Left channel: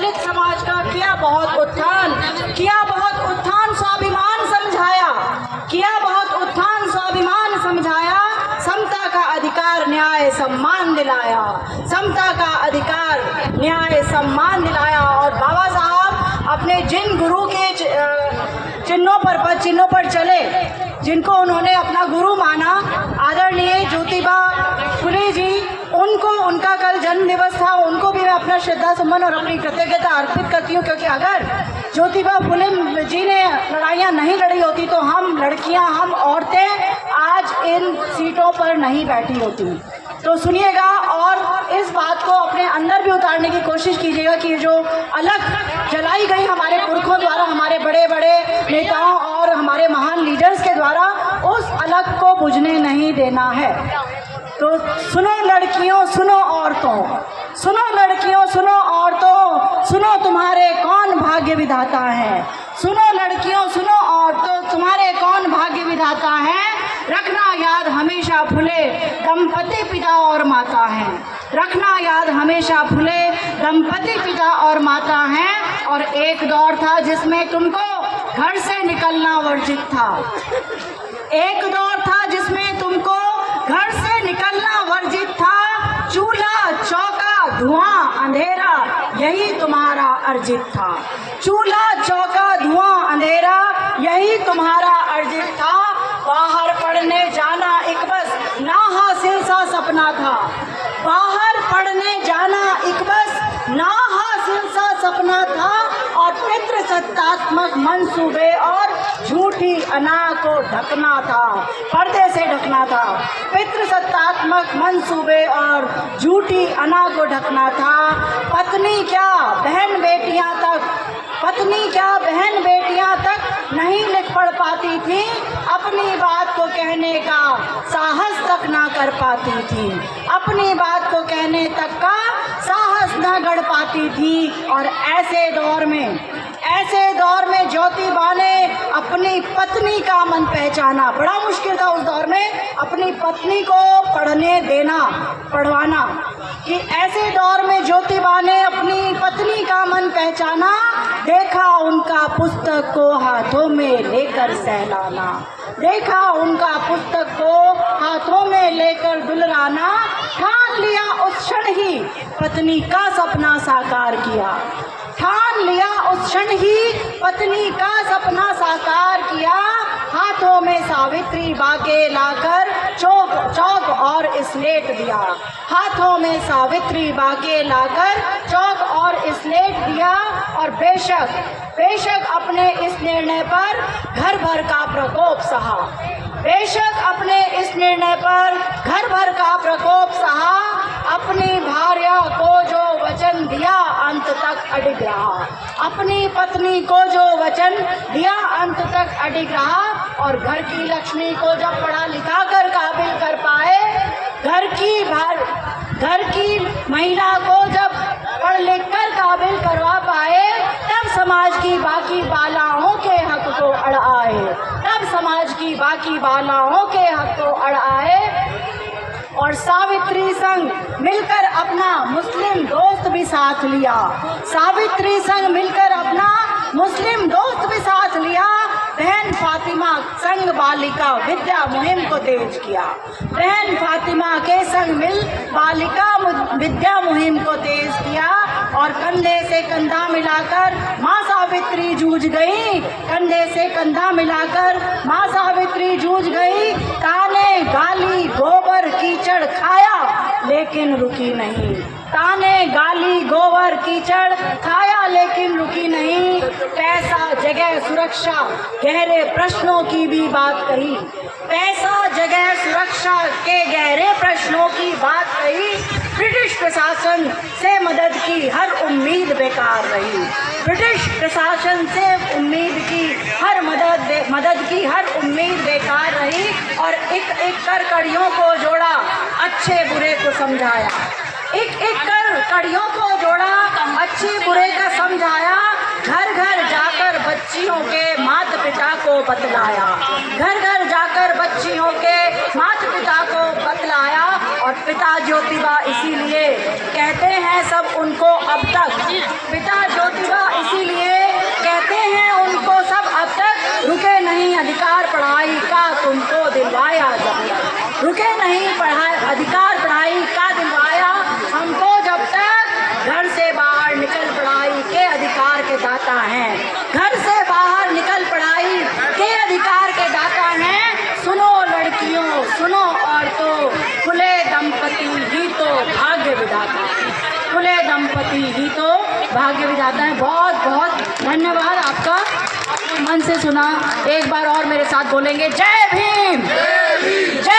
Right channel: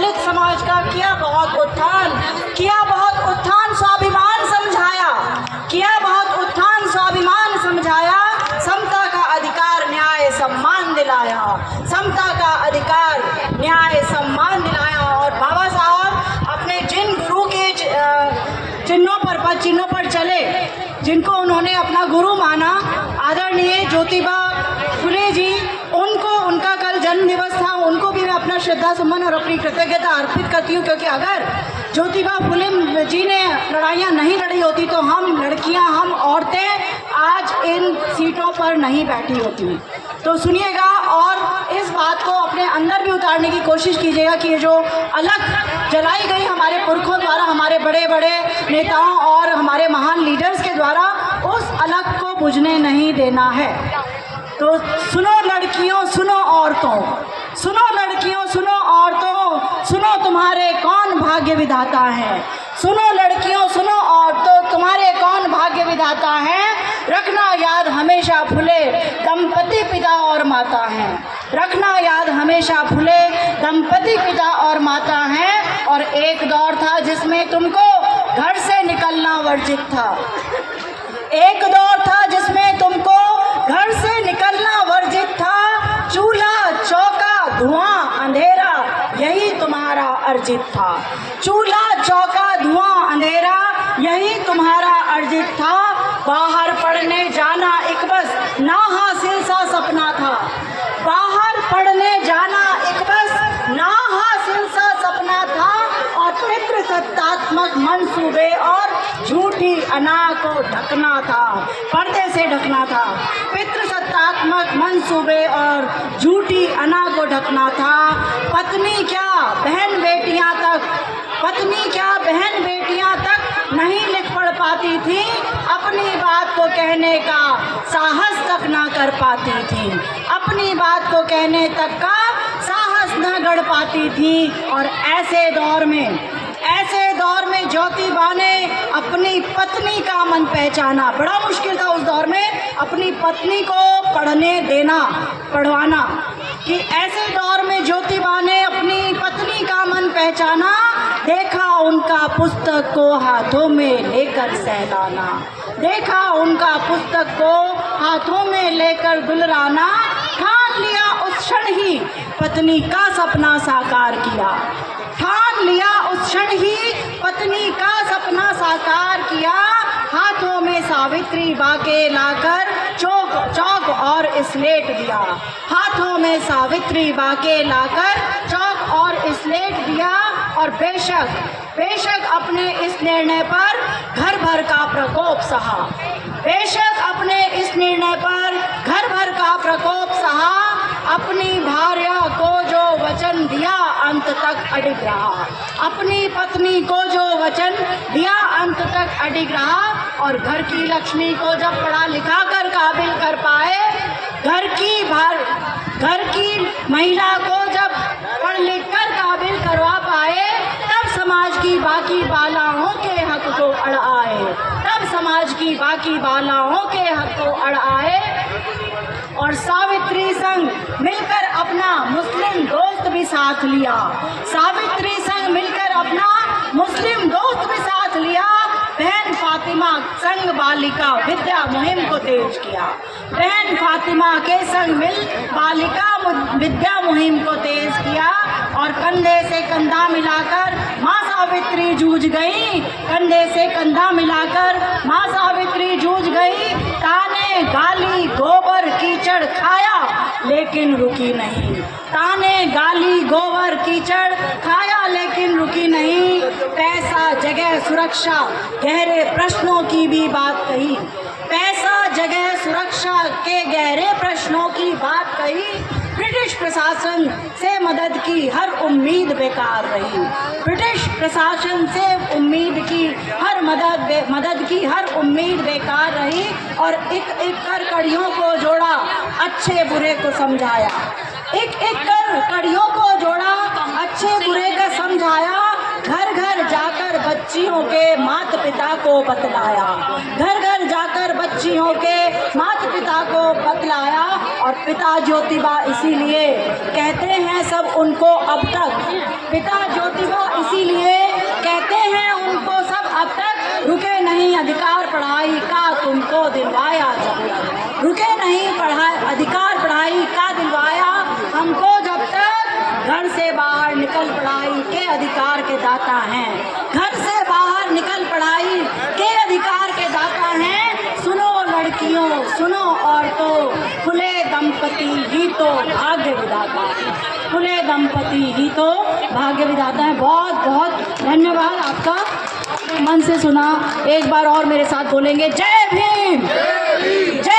दलित समाज का किया बहुत उत्थान स्वाभिमान समझाया, किया बहुत उत्थान स्वाभिमान समझाया, समता का अधिकार न्याय सम्मान दिलाया, समता का अधिकार न्याय सम्मान दिलाया। और बाबा साहब अपने जिन गुरु के चिन्हों पर चले, जिनको उन्होंने अपना गुरु माना, आदरणीय ज्योतिबा फुले जी, उनका कल जन्म दिवस था। उनको भी मैं अपना श्रद्धा सुमन और अपनी कृतज्ञता अर्पित करती हूँ, क्योंकि अगर ज्योतिबा फुले जी ने लड़ाइयाँ नहीं लड़ी होती तो हम लड़कियाँ, हम औरतें आज इन सीटों पर नहीं बैठी होती। तो सुनिएगा और इस बात को अपने अंदर भी उतारने की कोशिश कीजिएगा कि ये जो अलग जलाई गई हमारे पुरखों द्वारा, हमारे बड़े बड़े नेताओं और हमारे महान लीडर्स के द्वारा, उस अलग को बुझने नहीं देना है। तो सुनो लड़कियों, सुनो औरतों, सुनो लड़कियों, सुनो औरतों, सुनो तुम्हारे कौन भाग्य विधाता है। सुनो लड़कियों, सुनो औरतों, तुम्हारे कौन भाग्य विधाता है। रखना याद हमेशा फुले दंपति पिता और माता हैं। रखना याद हमेशा फुले दंपति पिता और माता हैं। और एक दौर था जिसमें तुमको घर से निकलना वर्जित था। एक दौर था जिसमें तुमको घर से निकलना वर्जित था। चूल्हा चौका धुआं अंधेरा यही तुम्हारा अर्जित था। चूल्हा चौका धुआं अंधेरा यही तुम्हारा अर्जित था। बाहर पढ़ने जाना एक बस ना हासिल सा सपना था। बाहर पढ़ने जाना एक बस ना हासिल सा सपना था। और पितृ सत्तात्मक मंसूबे और झूठी अना को ढकना था, पर्दे से ढकना था। पितृ सत्तात्मक मंसूबे और झूठी अना को ढकना था। पत्नी क्या बहन बेटियां तक, पत्नी क्या बहन बेटियां तक नहीं लिख पढ़ पाती थी। अपनी बात को कहने का साहस तक ना कर पाती थी। अपनी बात को कहने तक का साहस न गढ़ पाती थी। और ऐसे दौर में ज्योतिबा ने अपनी पत्नी का मन पहचाना। बड़ा मुश्किल था उस दौर में अपनी पत्नी को पढ़ने देना, पढ़वाना। कि ऐसे दौर में ज्योतिबा ने अपनी पत्नी का मन पहचाना। देखा उनका पुस्तक को हाथों में लेकर सहलाना, देखा उनका पुस्तक को हाथों में लेकर गुलराना। ठान लिया उस क्षण ही पत्नी का सपना साकार किया। ठान लिया उस क्षण ही पत्नी का सपना साकार किया। हाथों में सावित्री बाके लाकर चौक और स्लेट दिया। हाथों में सावित्री बाके लाकर चौक और स्लेट दिया। और बेशक अपने इस निर्णय पर घर भर का प्रकोप सहा। बेशक अपने इस निर्णय पर घर भर का प्रकोप सहा। अपनी भार्या को जो वचन दिया अंत तक अडिग रहा। अपनी पत्नी को जो वचन दिया अंत तक अडिग रहा। और घर की लक्ष्मी को जब पढ़ा लिखा कर काबिल कर पाए, घर की महिला को जब पढ़ लिख कर काबिल करवा पाए, तब समाज की बाकी बालाओं के हक को अड़ आए। तब समाज की बाकी बालाओं के हक को अड़ आए। और सावित्री संग मिलकर अपना मुस्लिम दोस्त भी साथ लिया। सावित्री संग मिलकर अपना मुस्लिम दोस्त भी साथ लिया। बहन फातिमा संग बालिका विद्या मुहिम को तेज किया। बहन फातिमा के संग मिल बालिका विद्या मुहिम को तेज किया। और कंधे से कंधा मिलाकर माँ सावित्री जूझ गई। कंधे से कंधा मिलाकर माँ सावित्री जूझ गई। ताने गाली गोबर कीचड़ खाया लेकिन रुकी नहीं। ताने गाली गोबर कीचड़ खाया लेकिन रुकी नहीं। पैसा जगह सुरक्षा गहरे प्रश्नों की भी बात कही। पैसा जगह सुरक्षा के गहरे प्रश्नों की बात कही। ब्रिटिश प्रशासन से मदद की हर उम्मीद बेकार रही। ब्रिटिश प्रशासन से उम्मीद की हर मदद की हर उम्मीद बेकार रही। और एक कर कड़ियों को जोड़ा, अच्छे बुरे को समझाया। एक कर कड़ियों को जोड़ा, अच्छे बुरे का समझाया। घर घर जाकर बच्चियों के माता पिता को बतलाया। घर घर जाकर बच्चियों के माता पिता को बतलाया। और पिता ज्योतिबा इसीलिए कहते हैं सब उनको अब तक, पिता निकल पढ़ाई के अधिकार के दाता हैं। घर से बाहर निकल पढ़ाई के अधिकार के दाता हैं। सुनो लड़कियों, सुनो औरतों, खुले दंपति ही तो भाग्य विधाता है। खुले दंपति ही तो भाग्य विधाता है। बहुत बहुत धन्यवाद आपका, अपने मन से सुना। एक बार और मेरे साथ बोलेंगे, जय भीम, जय